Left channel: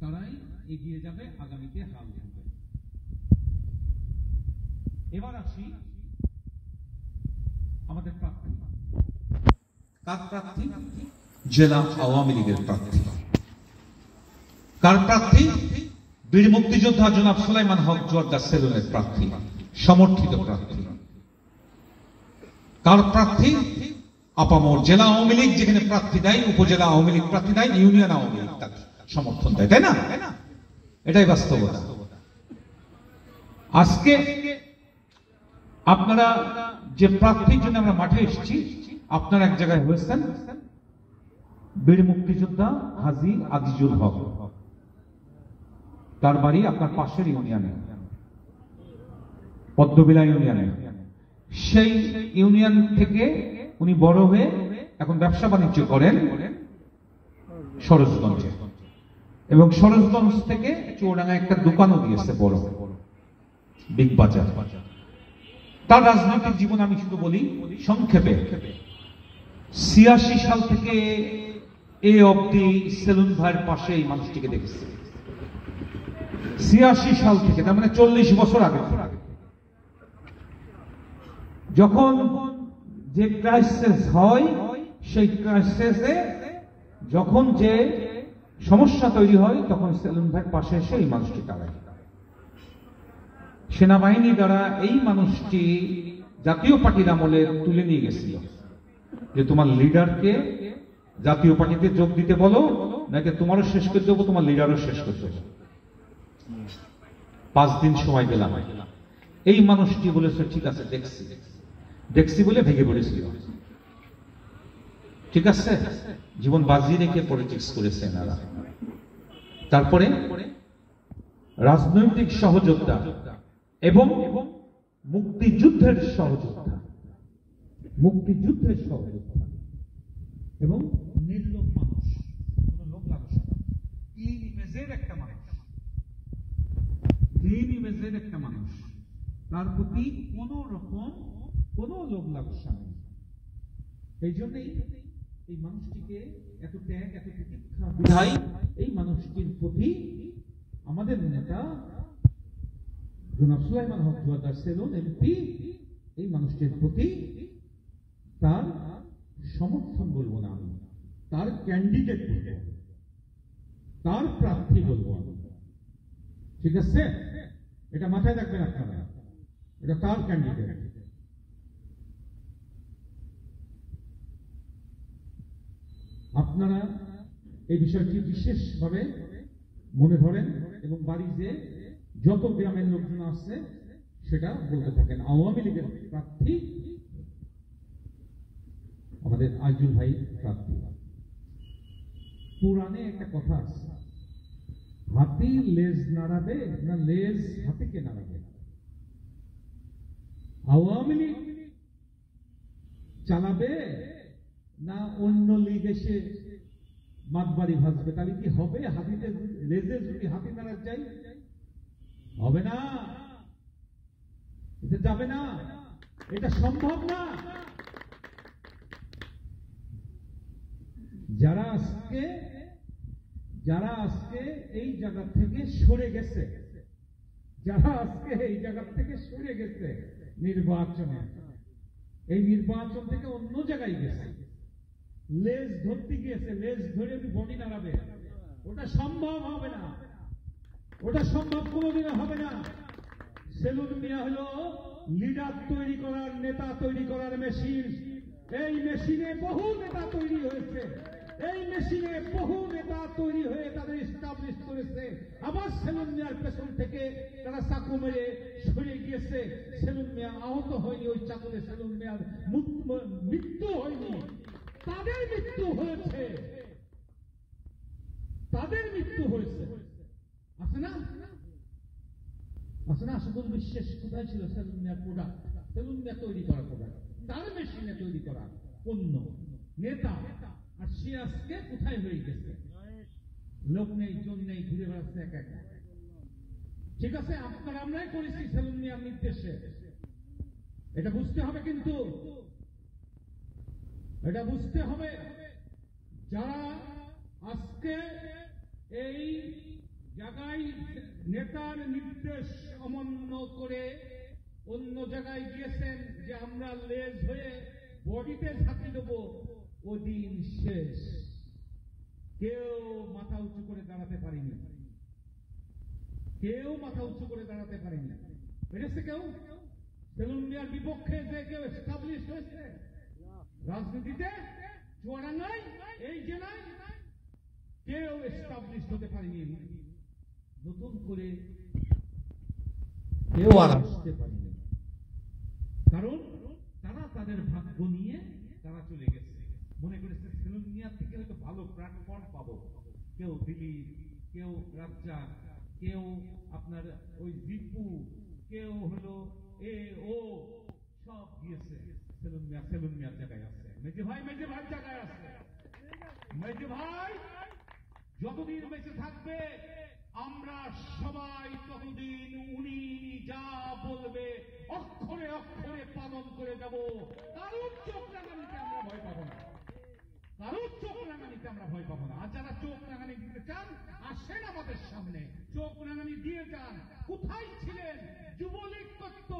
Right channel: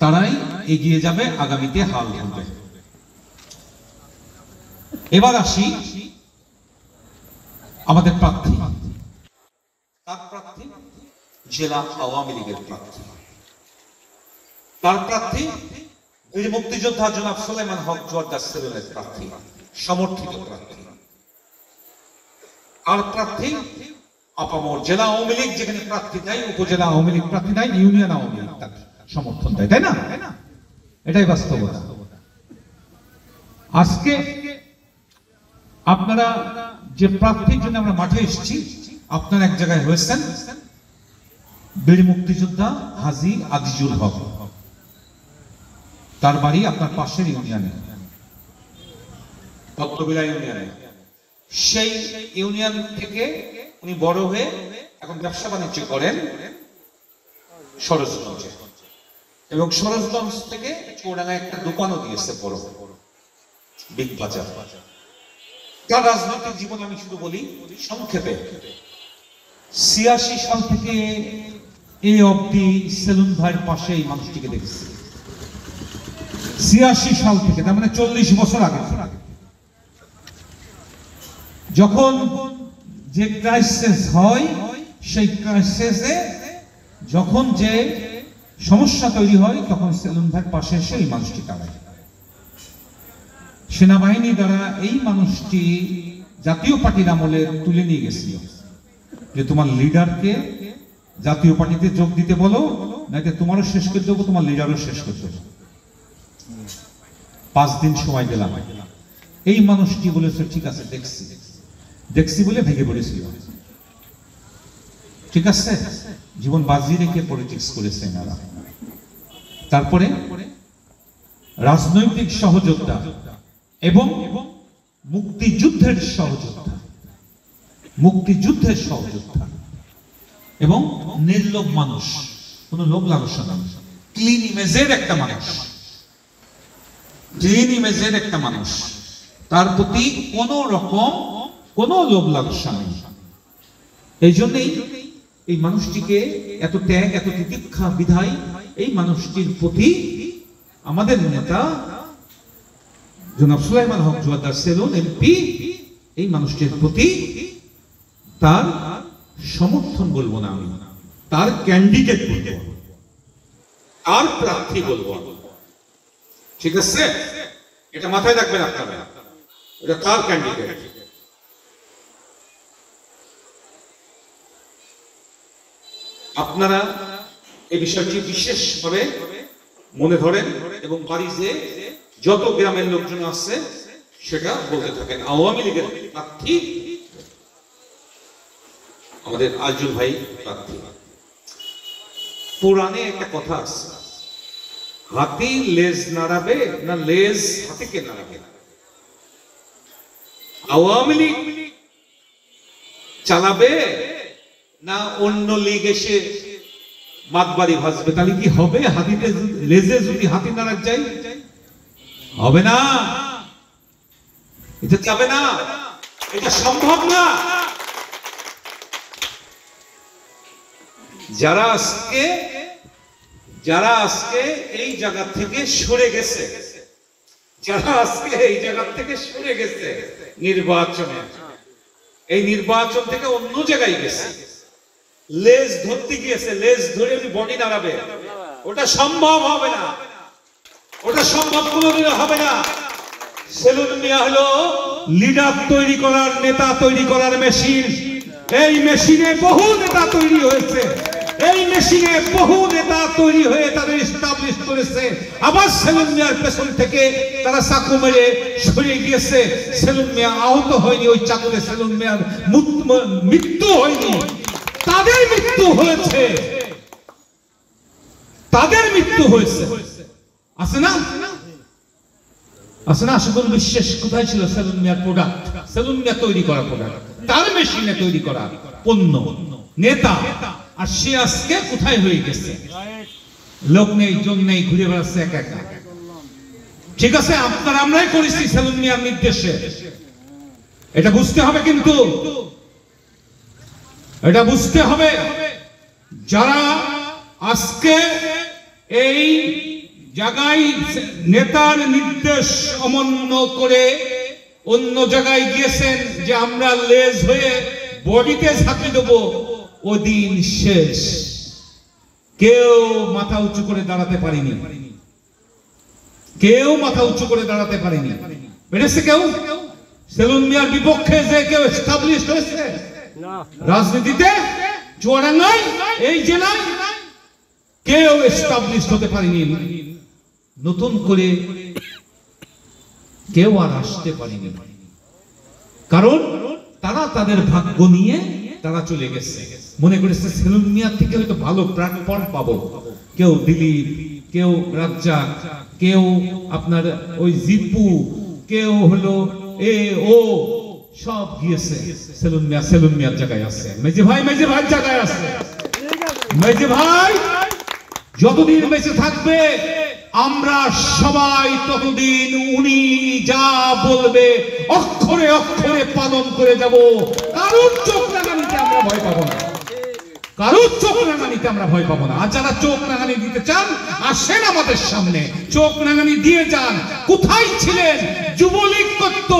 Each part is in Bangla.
তারাই এগিয়ে যাবে, আগামীতে হাল ধরবে। এবার আসি আমাদের প্রার্থী। কার প্রার্থী? জেলা আওয়ামী লীগের প্রার্থী। কার প্রার্থী? বীর মুক্তিযোদ্ধা জনাব সুলাইমান হক জোয়ার্দার সেলুনের প্রার্থী, সমর্থিত প্রার্থী। কার প্রার্থী? আপামর জেলা আওয়ামী লীগ যেখানে প্রার্থী দেয়, উপজেলা আওয়ামী লীগ প্রার্থী দেয়, ইউনিয়ন আওয়ামী লীগ তাকে সমর্থন দেয়, তাই না? এটাই বাস্তবতা। আজকে আপনারা যে প্রার্থীর জন্য আমরা মাঠে এসেছি, আপনারা এক জায়গায় হয়েছেন বীর মুক্তিযোদ্ধা হাজী আজিজুল হক, তার বাড়ি আপনার পাশের ইউনিয়নে, পদ্মবিলা ইউনিয়নে। সেই ইউনিয়ন থেকে উনি বড় হয়ে এখন ব্যবসা বাণিজ্য করেন সরোজগঞ্জে, এবং সরোজগঞ্জ থেকে চৌডাঙ্গায় একটা দোকানও দিয়েছে বড়, বিগ বাজার। তার রাজনৈতিক জীবন আমি শুধু বলি সংক্ষেপে। ৮৬ সাল থেকে এই অবধি সেলুন ভাইয়ের পাশে এই মানুষটিকে দেখেছি। ৮৬ সাল থেকে, তার মানে ৪০ বছর আগে। যখন যে ক্রাইসিস হয়, সেই ক্রাইসিসে যখন যে সমস্যা তৈরি হয়, তখন সেলুন ভাইয়ের পাশে এসে এই মানুষটি দাঁড়ায়। সেনাবাহিনী দ্বারা এই মানুষটি জাতীয় পার্টির আমলে তুলে নিয়ে গেছিল যে তোমার লিডারকে জাতীয় পার্টিতে যোগ দিতে বলো, নাকি তোমারও শেষ করে দেবো, তোমার লিডারও শেষ করে দেবো। 5 দিন সময় দিলাম। এই মানুষটি বলেছে ঠিক আছে, দেখছি বলে ভেঙে পড়েছিল। ঠিক আছে, জীবন বাজি রেখে পলিটিক্স করেছে এনারা। তারপরে রাজনৈতিক সহযোদ্ধা এবং মুক্তিযুদ্ধের সহযোদ্ধা এবং নির্লোভ মানুষ, কোন লোভ লালসা না, ক্লিন ইমেজের একটা মানুষ, তার প্রতি কোন রকম কোন লোভ লালসা নেই। এই জন্যই এই মানুষটিকে এত ত্যাগ, এত তিতিক্ষা বিধায় এই মানুষটির প্রতি আমাদের নেতা জনাব সুলাইমান হক জোয়ার্দার সেলুন এমপি এই মানুষটির প্রতি তার সমর্থন বলবো না, আমি তার ক্যান্ডিডেট বলবো, তার প্রার্থী বলবো। ঠিক আছে, এটা মাথায় রাখবেন আপনারা, এটা তার ক্যান্ডিডেট। আপনারা এই বিষয়টি বিশেষভাবে মনে ধরেন এবং বাড়ি যে যত গ্রামের লোকজন আছে সেটা বলতে থাকেন। আওয়ামী লীগের প্রার্থী আমাদের আজিজুল ভাই প্রার্থী। পুরাণে একটা কথা আছে, হাতি লেজ নাড়াবে না লেজ হাতিকে নাড়াবে। আওয়ামী লীগ চালাবে না অন্য লীগ এসে মাতবাড়ি ভাসবে? তাহলে কি হবে? হাতিতে লেজে যদি হাতি নাড়া যায়, হবে না, এটা যাবে না, এটা সম্ভব না। যারা আজকে এই জায়গা থেকে সরে গেছে, নির্বাচনে, এই নির্বাচন থেকে অন্য জায়গায় গেছে, লেজ ধরতে গিয়েছে, লেজ ধরে বডি নাড়াবে, ওটা সম্ভব হবে না, ওটা সম্ভব কোনোদিনও হবে না। সেলুন মিয়া হলো লিডার তৈরি করার, নেতা তৈরি করার মেশিন। এই মেশিনে বহু নেতা তৈরি হয়েছে, এই মেশিনে বহু নেতা তৈরি হয়ে তাদের এস্টাবলিশ করেছে। আবার সেলুন মিয়ার পেছন থেকে তারা চাকু মেরে সরিয়ে গিয়েছে। সেলুন মিয়া আহত হয়নি ওই চাকুতে, সেলুন মিয়ার মৃত্যু হয়নি, তাদের মৃত্যু হয়েছে, আছে না? আশিকুল বিশ্বাস কোথায় ছিল? সেলুন মিয়ার প্রোডাক্ট, সেলুন মিয়া তৈরি করা প্রোডাক্ট, তার মেশিনে তৈরি করা পণ্য, নেতা। আর সে আজকে কোথায় হয়ে গেছে? লোক নেই, জন নেই, ঘুরে বেড়াচ্ছে একা একা। ঠিক আছে, আমরাই করেছি সেলুন মিয়ার নির্দেশে, এটা বুঝতে হবে। কিন্তু এটা বুঝতে হবে, যারা আজকে এই জায়গায় নেতার নির্দেশ অমান্য করে অন্য জায়গায় গিয়েছেন যে আমরা লেজ হয়ে বডিতে ঝাঁপে দেবো, ওদিন শেষ। কেউ মাথা উঁচু করে দাঁড়াতে পারেনি, কেউ মাথা উঁচু করে দাঁড়াতে পারেনি। পেরেছে কেউ? সেলুন মিয়ার বিপক্ষে যে কেউ এস্টাবলিশ হয়েছে রাজনীতিতে? চুয়াডাঙ্গায়, এই জেলায় কেউ এস্টাবলিশ হতে পারেনি। নতুন করে কেউ আর আসতে পারেনি, কারণ তারা তাদের ভাগ্য নিয়ে তারা চলে গেছে। মনে করেছে সেলুন মিয়ার থেকে হয়তো ভালো প্ল্যাটফর্ম পাবো। কেউ দিলীপ, কেউ রাজ্জাক, কেউ আপনার ওই জিপু, কেউ হলো ও সব গিয়েছে। সেলুন মিয়ার জায়গায় আছে। মেজে ভাই জায়গায় আছে। মেজে ভাই যতদিন বেঁচে থাকবে আমরা সবাই ততদিন উনি যা বলবে অক্ষরে অক্ষরে পালন করে যাব। কারোর চোখ রাঙানিতে আমরা ভয় পাবো না, কারোর চোখ রাঙানিতে আমরা ভয় পাবো না। আর যারা চোখ রাঙানি দিতে চান আসেন আমাদের সামনে, চোখ রাঙানি দিয়ে যান। কোথায় ছিলেন? যুবলীগ করত,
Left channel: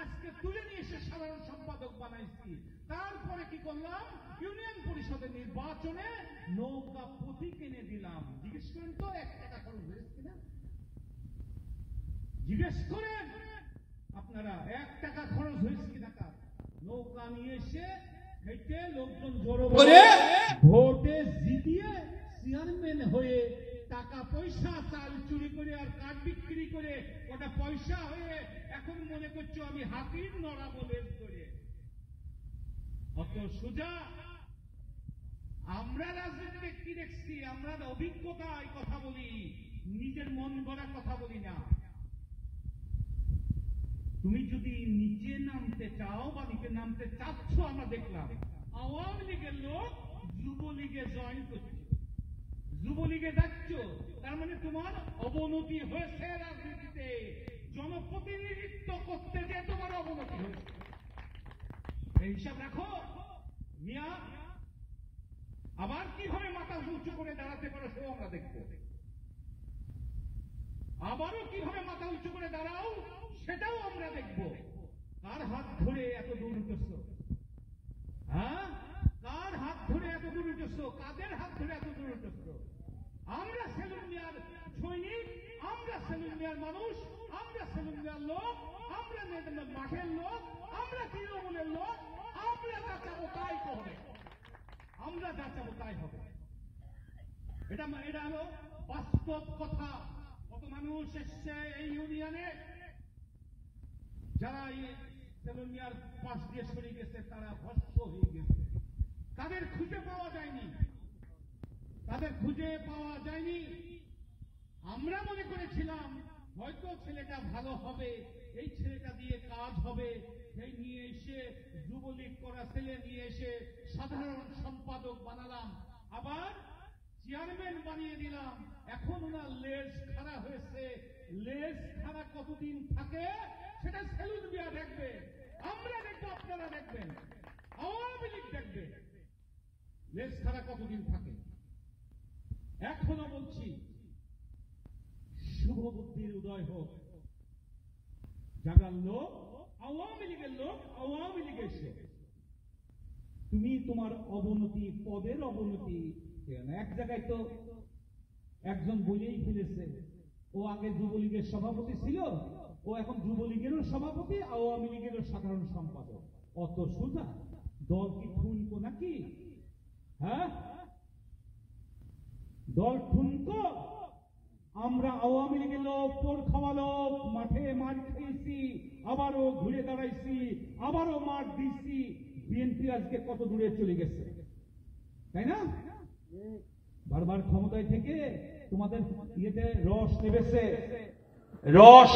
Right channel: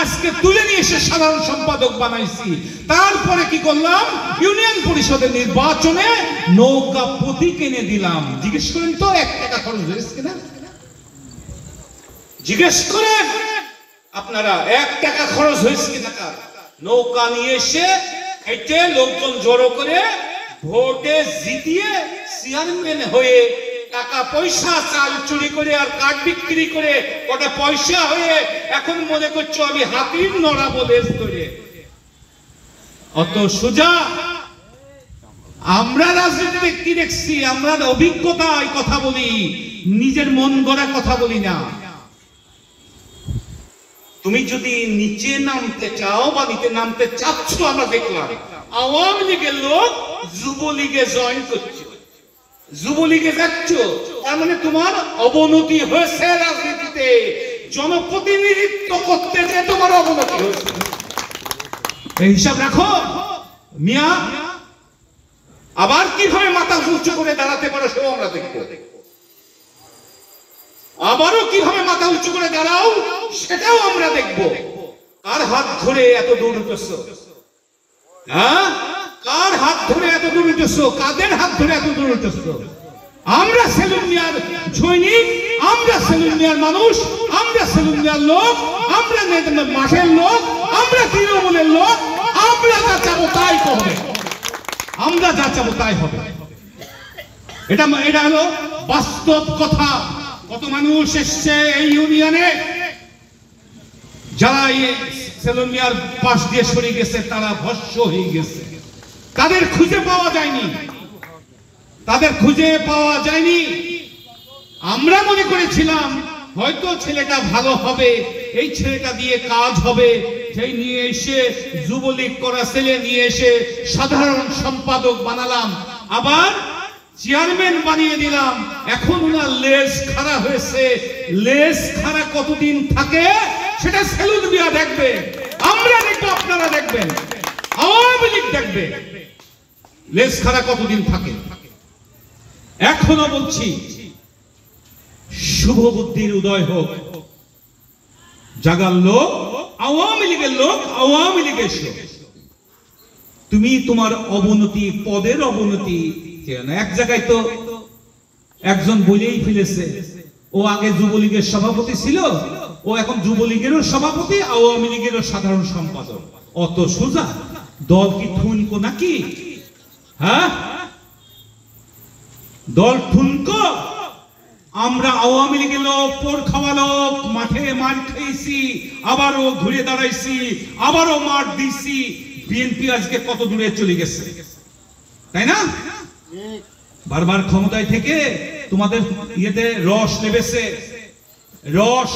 আজকে তুলে নিয়ে এসে সাধারণ সম্পাদক বানাইছি। তারপরে কি করলাম? ইউনিয়ন পরিষদের নির্বাচনে নৌকা প্রতীক এনে দিলাম। জিজ্ঞেস করেন তো 1 টাকা খরচ হয়েছে কিনা? জিজ্ঞেস করেন আপনারা 1 টাকা খরচ হয়েছে কিনা? নৌকা নিয়ে এসে খাইতে লোকজন জড়ো করে ভোটে জিতিয়ে চেয়ারম্যান হয়ে টাকা পয়সা চাল চুরি করে আর কাঠ বিক্রি করে কটা পয়সা হয়ে এখন মনে করছো আমি হাতির নড়া বলে ধরে। অত সোজা আমরা রাজনীতিতে কি দেখছি? আমরা অভিজ্ঞতায় কথা বলি, নিজের মন গড়া কথা বলি না। তুমি যদি নিচে নামতে চাও বা নিচে নামতে চাচ্ছ, আমরা দেখলাম আওয়ামী লীগের লোক যুবলীগে জয়েন করছে, যুবলীগে যাচ্ছ, তার মানে তোমার অবনতি হয়েছে রাজনীতিতে। জনপ্রতিনিধিত্ব করতে যে তোমার অবনতি হয়েছে, এই হিসাব রাখো মিয়া। আবার কিভাবে মাথা উঁচু করে দাঁড়াতে পারো সেও আমরা দেখবো। আবারও কিভাবে মাথা উঁচু করে দাঁড়াও সেটাও আমরা দেখব। কার হাত ধরে এত দূর উঠেছ? হ্যাঁ, কার হাত ধরে এত দূর উঠেছ? কাদের হাত ধরে এত দূর উঠেছ? আমরা সেলুন মিয়ার সৈনিক, আমরা সেলুন মিয়ার মানুষ, আমরা সেলুন মিয়ার লোক, আমরা মাঠের লোক, আমরা তৃণমূলের লোক। আমরা যা চাবো তাই হবে, আমরা যা চাবো তাই হবে। এটা হলো বাস্তব কথা। কত মানুষ এসছে এই ইউনিয়নে, যারা সেলুন মিয়ার পাশ দিয়ে সরে গেছে তারা ভস্ম হয়ে গেছে। তাদের খুঁজে পাওয়া যায়নি, তাদের খুঁজে পাওয়া যায়নি। আমরা মনে করেছিলাম হয়তো ছেলেটা ভালো হবে, এই ছেলেটা দিয়ে কাজ হবে, সেই নিয়ে এসে যুবলীগ করা ছেলে নিয়ে এসে সাধারণ সম্পাদক বানালাম, আবার চেয়ারম্যান বানিয়ে দিলাম। এখন ওনার লেজ খাড়া হয়েছে। লেজ খাড়া কতদিন থাকে সেটা সেলুন মিয়া দেখবে, আমরা দেখবো, আপনারা দেখবেন, আওয়ামী লীগ দেখবে লেজ খাড়া কতদিন থাকে। এখনো বলছি শুভ বুদ্ধির উদয় হোক। জাগার লোক, আওয়ামী লীগের লোক, আওয়ামী লীগের লোক। তুমি তোমার অবনতি, পদের অবনতি এক জায়গায় তো একজন বলেই ফেলেছে, ও আগে যুবলীগের সভাপতি ছিল, ও এখন যুবলীগেরও সভাপতি, আওয়ামী লীগেরও সাধারণ সম্পাদক। অত সোজা? দল কি ঠুনকো নাকি? হ্যাঁ, দল ঠুনকো? আমরা আওয়ামী লীগের লোক, পোর খাওয়া লোক, মাঠে মার খেয়েছি, আবারও ঘুরে দাঁড়াইছি, আবারও মার দিছি। বিএনপি আজকে কত দূরে চলে গেছে, তাই না? বারবার ক্ষমতায় থেকে তোমাদের ইয়েতে রস নেবেছে, রস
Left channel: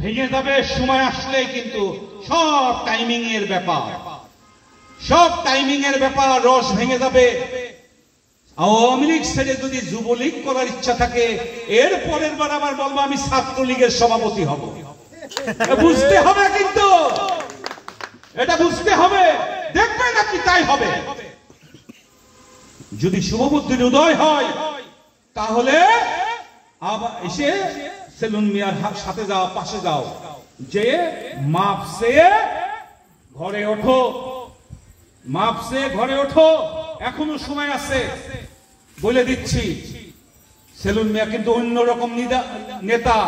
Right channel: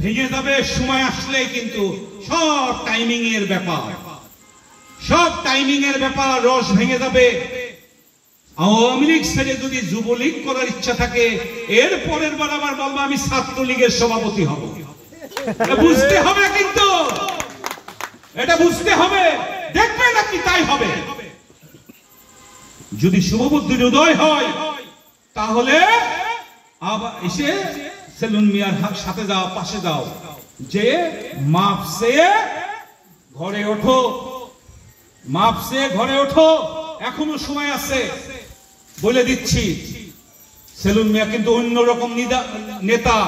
ভেঙে যাবে সময় আসলে, কিন্তু সব টাইমিং এর ব্যাপার, সব টাইমিং এর ব্যাপার। রস ভেঙে যাবে। আওয়ামী লীগ ছেড়ে যদি যুবলীগ করার ইচ্ছা থাকে, এর পরের বার আবার বলবো আমি ছাত্রলীগের সভাপতি হব। বুঝতে হবে, কিন্তু এটা বুঝতে হবে, দেখবেন আপনি তাই হবে। যদি শুভবুদ্ধির উদয় হয় তাহলে আবার এসে সেলুন মিয়ার সাথে যাও, পাশে যাও, যে মাপ চেয়ে ঘরে ওঠো, মাপ চেয়ে ঘরে ওঠো, এখনো সময় আছে। বলে দিচ্ছি, সেলুন মিয়া কিন্তু অন্যরকম নেতা,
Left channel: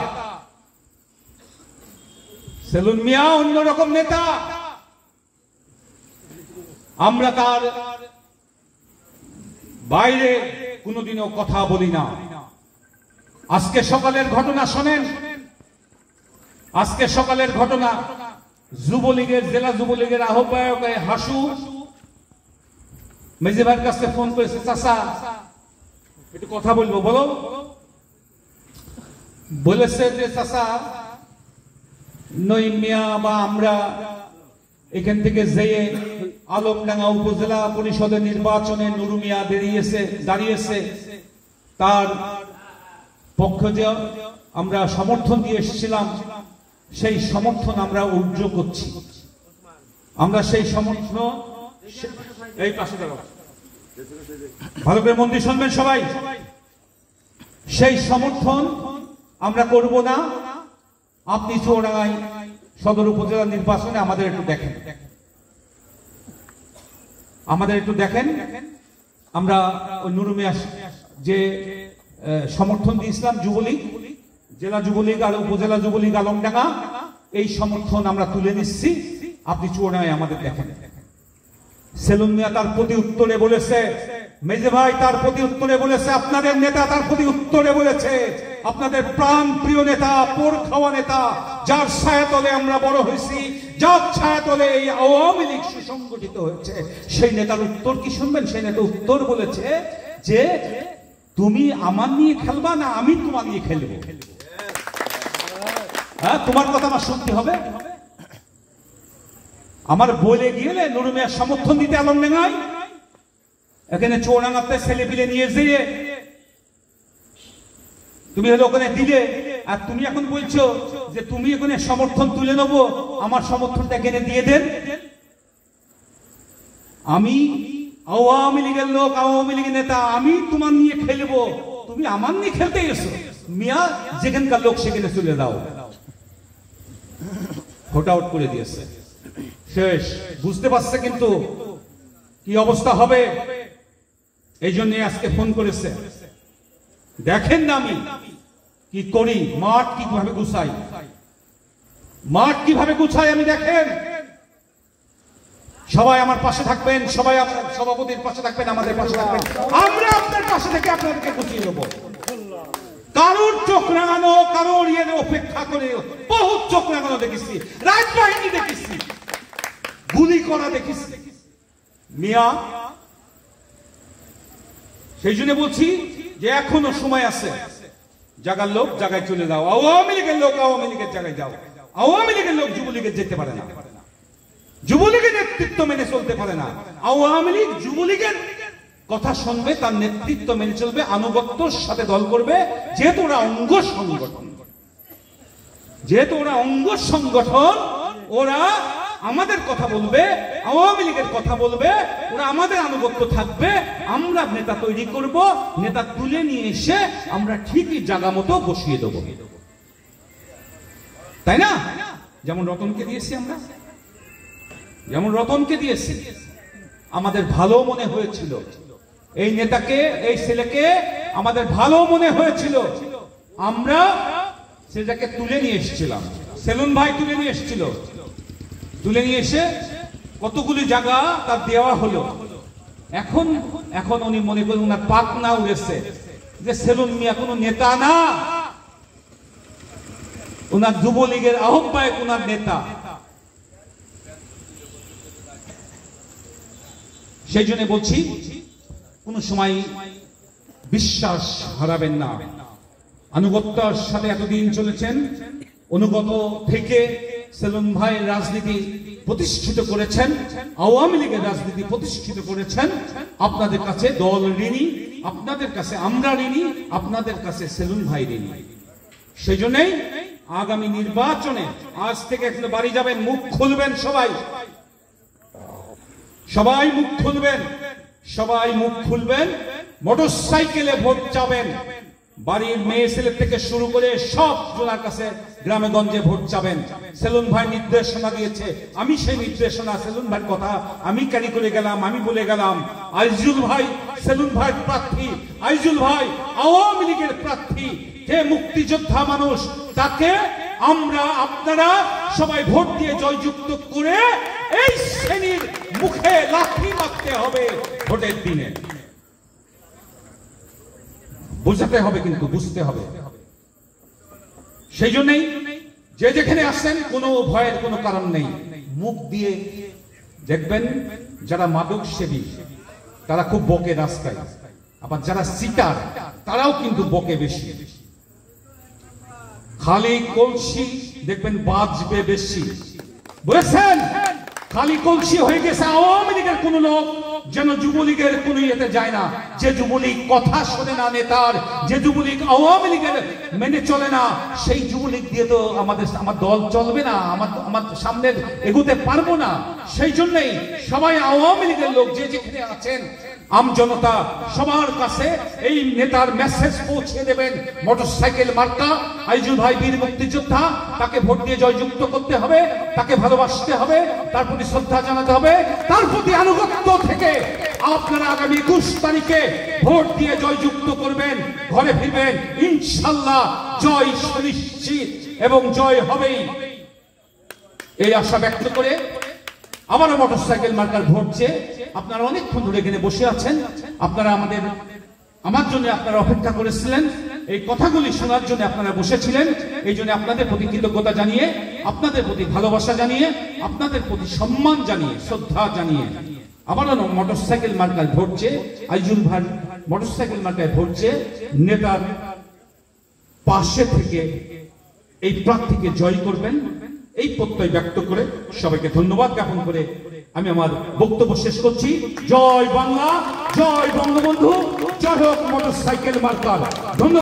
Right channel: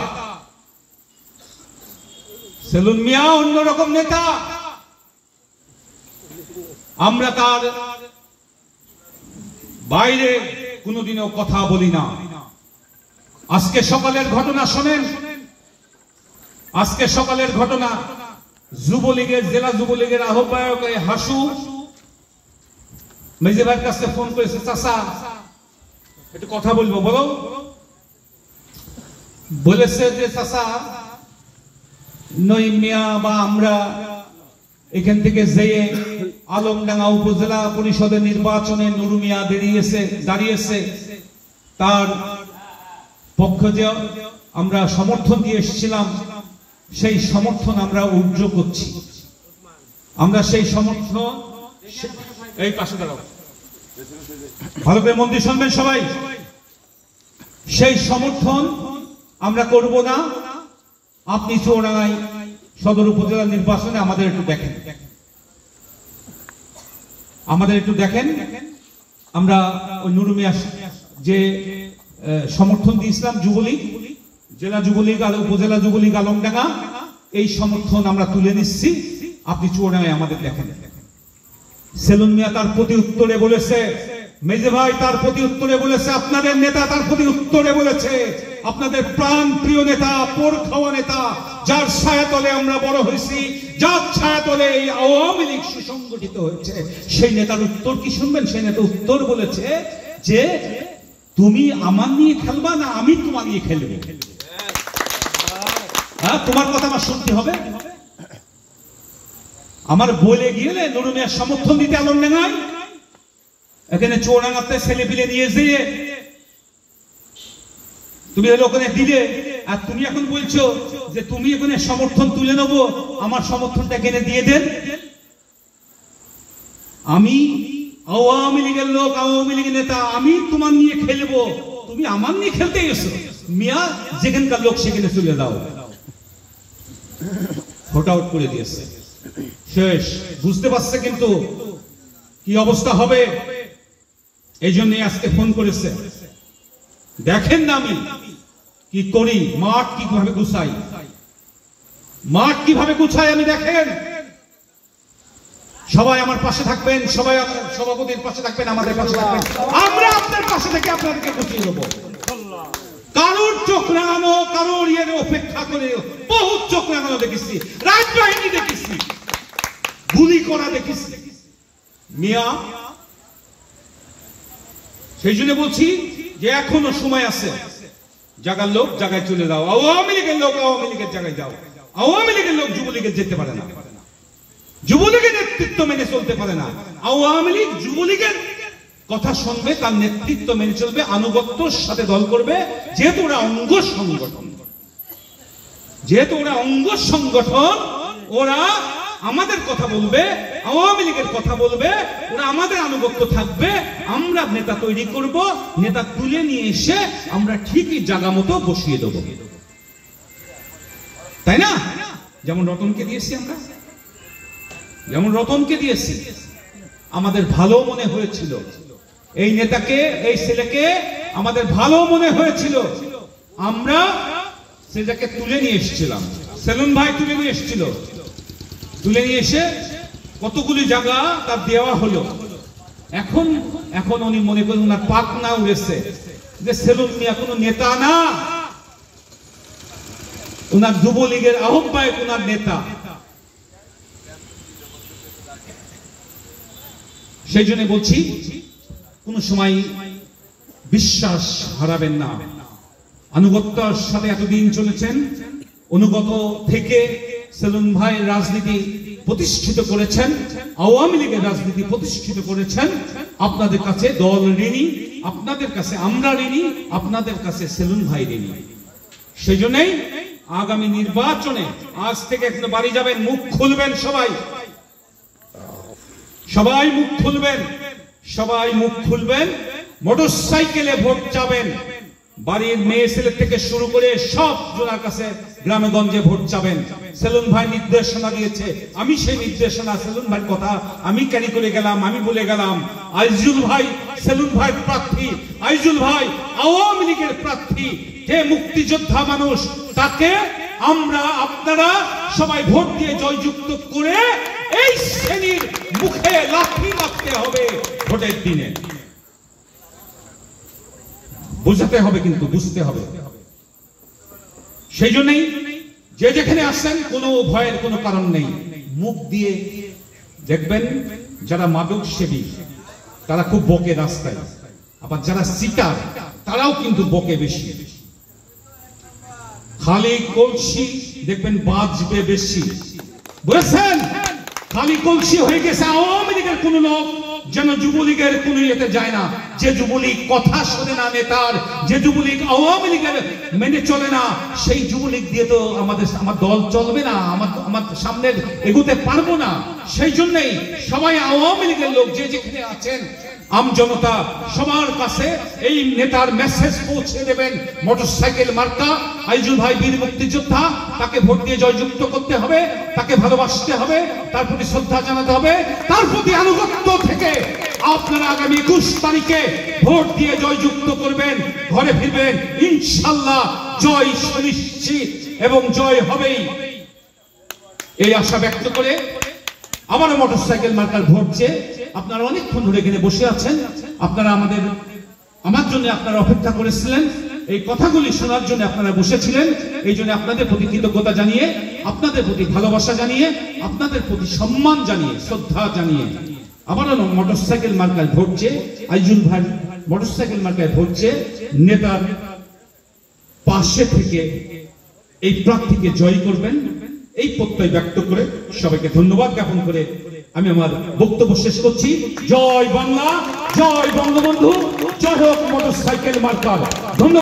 সেলুন মিয়া অন্যরকম নেতা। আমরা তার বাইরে কোনোদিনও কথা বলি না। আজকে সকালের ঘটনা শোনেন, আজকে সকালের ঘটনা। যুবলীগের, জেলা যুবলীগের আহ্বায়ক হাসু মেজেবার কাছে ফোন করেছে, চাচা একটু কথা বলবো, বলো। বলেছে যে চাচা, নঈম মিয়া বা আমরা এখান থেকে যেয়ে আলমডাঙ্গা উপজেলা পরিষদের নির্বাচনে নুরু মিয়া দাঁড়িয়েছে, তার পক্ষে যে আমরা সমর্থন দিয়ে এসেছিলাম, সেই সমর্থন আমরা উর্জ করছি। আমরা সেই সমর্থন, এই পাশে দাঁড়াও, ভালো করে মন দিয়ে শুনবেন সবাই, সেই সমর্থন আমরা করব না। আপনি চৌরাঙ্গায় সদর উপজেলা নির্বাচনে আমাদের একটু দেখেন, আমাদের একটু দেখেন। আমরা ওই নুরু মিয়া যে সমর্থন দিয়েছিলাম, যুবলীগ, জেলা যুবলীগ আর উপজেলা যুবলীগ আলমডাঙ্গা, এই সমর্থন আমরা তুলে নিচ্ছি, আপনি চৌরাঙ্গায় আমাদের দেখেন। সেলুন মিয়া তার প্রতি উত্তরে বলেছে, মেজে ভাই তার প্রতি উত্তরে বলেছে, আপনাদের নেতা তার প্রতি উত্তরে বলেছে, আপনাদের প্রাণ প্রিয় নেতা, পোর খাওয়া নেতা, যার ছায়াতলে আমরা বড় হয়েছি, যার ছায়াতলে এই আওয়ামী লীগ সুসংগঠিত হয়েছে, সেই নেতার উত্তর কি শুনবেন? সেই নেতা উত্তর বলেছে যে, তুমি আমার নিয়ে খেলবা না আমি তোমার নিয়ে খেলবো। তোমার কথা আমার শুনতে হবে। আমার বলে গেলে নুরু মিয়ার সমর্থন দিতে আলমডাঙ্গায়, এখানে চৌরাঙ্গাতে ছেলে পিলে নিয়ে যেয়ে তুমি হলো ওখানে দিলে, আর তুমি এখন বলছো যে তুমি ওখানে সমর্থন তুলে নেবো, আমার সমর্থনটা এখানে দিয়ে দেন। আমি আওয়ামী লীগের লোক, আওয়ামী লীগের নেতা, আমি তোমার নিয়ে খেলবো, তুমি আমার নিয়ে খেলতে এসো। মিয়া যেখানকার লোক সেখানে চলে দাও। ভোট আউট করে দিয়েছে, শেষ। বুঝতে পারছে কিন্তু কি অবস্থা হবে, এই জন্য আজকে ফোন করেছে। দেখেন না আমি কি করি, মাঠ কিভাবে গুছাই, মাঠ কিভাবে গুছাই আমি দেখেন। সবাই আমার পাশে থাকবেন, সবাই সভাপতির পাশে থাকবেন, আমাদের পাশে থাকবেন, আমরা আপনার পাশে থেকে আপনাদেরকে গুছিয়ে দেবো। কারোর চোখ রাঙানো, কারোর ইয়ের অপেক্ষা করে বহু চোখ রাঙানো দেখেছি, রাজবাহিনী দেখেছি, গুলি করা দেখেছি। মিয়া, সেই জন্য বলছি যে এখনো সময় আছে, জায়গার লোক জায়গায় চলে যাও, আওয়ামী লীগের লোক আওয়ামী লীগের জায়গায় যাও। আওয়ামী লীগের লোক যুবলীগের যেতে পারে না, যুবলীগের নেতৃত্ব মেনে চলতে পারে না। আওয়ামী লীগ যুবলীগের কথা শুনবে, তার নেতৃত্ব মেনে চলবে, আনুগত্যের সাথে দল করবে, যেহেতু ওরা অঙ্গ সংগঠন, যেহেতু ওরা অঙ্গ সংগঠন, ওরা আমাদের কথা বলবে, আওয়ামী লীগের কথা বলবে, ওরা আমাদের আনুগত্য থাকবে। আমরা নেতা তৈরি করব, নেতা তুলে নিয়ে এসে আমরা ঠিকই জায়গা মতো বসিয়ে দেবো, তাই না? যেমন রতনকে দিয়েছি আমরা, যেমন রতনকে দিয়েছি, আমাদের ভালো মনে হয়েছিল এই নেতাকে, এই ছেলেকে আমাদের ভালো মনে হয়েছিল, আমরা সেটাকে তুলে নিয়ে এসেছিলাম। সেলুন ভাই তুলে নিয়ে এসেছিল, তুলে নিয়ে এসে কতগুলি জায়গা তার দেওয়া হলো। এখন এখন উনি মনে করেন ওনার পাক না উড়েছে যে সেলুন মিয়া কোনো নেতা না, ওনার যুবলীগের আহ্বায়ক, ওনার নেতা। সেই জন্য বলছি, কোন সময় বিশ্বাস হারাবেন না। আনুগত্যের সাথে এতদিন চলেছেন, অনুগত থেকে সেলুন ভাই রাজনীতি প্রতিষ্ঠিত করেছেন, আওয়ামী লীগের রাজনীতি প্রতিষ্ঠিত করেছেন। আপনাদের কাছে দল ঋণী, আপনাদের কাছে আমরা ঋণী, আপনাদের কাছে সেলুন ভাই ঋণী। সেই জন্যই আগামী নির্বাচনে আজ থেকে এখন বাড়ি যাবেন, মুখ খুলবেন, সবাই সবাই মুখ খুলবেন, সবাই মুখ খুলবেন। মোটরসাইকেলে ভোট যাবেন, বাড়ির মেয়ে ছেলে থেকে শুরু করে সব জনের কাছে গ্রামে গঞ্জে ভোট চাবেন। সেলুন ভাই নির্দেশনা দিয়েছে, আমি সেই নির্দেশনা সেলুন ভাইয়ের কথা আমি ক্যারি করে গেলাম, আমি বলে গেলাম। আইজুল ভাই সেলুন ভাইয়ের প্রার্থী, আইজুল ভাই আওয়ামী লীগের প্রার্থী, যে মুক্তিযোদ্ধা মানুষ, তাকে আমরা আপনারা সবাই ভোট দিয়ে জয়যুক্ত করে এই শ্রেণীর মুখে লাথি মারতে হবে ভোটের দিনে। বুঝতে হবে, কিন্তু বুঝতে হবে। সেই জন্যই যে যেখানে আসেন কোনো ভয়ের কোনো কারণ নেই। মুখ দিয়ে দেখবেন যারা মাদক সেবী তারা খুব বকে রাস্তায়, আবার যারা সিটার তারাও কিন্তু বকে বেশি। খালি কলসি দেখবেন বাজবে বেশি, বুঝেছেন? খালি কলসি হয়ে গেছে আওয়ামী লীগের কোন লোক যেন যুবলীগের কোন ইয়েতে যায় না। যে যুবলীগ কথা শোনে না নেতার, যে যুবলীগ আওয়ামী লীগের মেনে চলে না, সেই যুবলীগ দিয়ে তো আমার দল চলবে না, আমার সামনে এগোতে পারবো না। সেই জন্যই সবাই আওয়ামী লীগের লোক যে যেখানে আছেন, আম জনতা সবার কাছে এই নেতার মেসেজ পৌঁছে দেবেন। মোটরসাইকেল মার্কা আইজুল ভাই বীর মুক্তিযোদ্ধা, তাকে ভোট দিয়ে জয়যুক্ত করতে হবে, তাকে ভালোবাসতে হবে, তার প্রতি শ্রদ্ধা জানাতে হবে, তার প্রতি আনুগত্য থেকে আপনারা আগামী 21 তারিখে ভোট দিয়ে জয়যুক্ত করবেন, ঘরে ফিরবেন ইনশাআল্লাহ। জয় সুনিশ্চিত এবং জয় হবেই, এই আশা ব্যক্ত করে আবারও মোটরসাইকেল মার্কার ভোট চেয়ে আপনারা অনেকক্ষণ ধরে এখানে বসে আছেন। আপনারা আমার জন্য আপনারা অপেক্ষা করেছিলেন, এই কথাগুলি শোনার জন্য আপনারা বসেছিলেন। এই জন্য আপনাদের প্রতি কৃতজ্ঞতা জানিয়ে, আপনাদের প্রতি ভালোবাসা জানিয়ে, আপনাদের প্রতি সম্মান জানিয়ে, শ্রদ্ধা জানিয়ে আবারও মোটরসাইকেল মার্কায় ভোট চেয়ে আইজুল ভাই মোটরসাইকেল মার্কায় ভোট চেয়ে নেতার পাশে থেকে এই প্রার্থীকে জয় করবেন, এই প্রত্যয় ব্যক্ত করে সবাইকে ধন্যবাদ জ্ঞাপন করে আমি আমার বক্তব্য শেষ করছি। জয় বাংলা, জয় বঙ্গবন্ধু, জয় হোক মোটরসাইকেল মার্কা। ধন্যবাদ।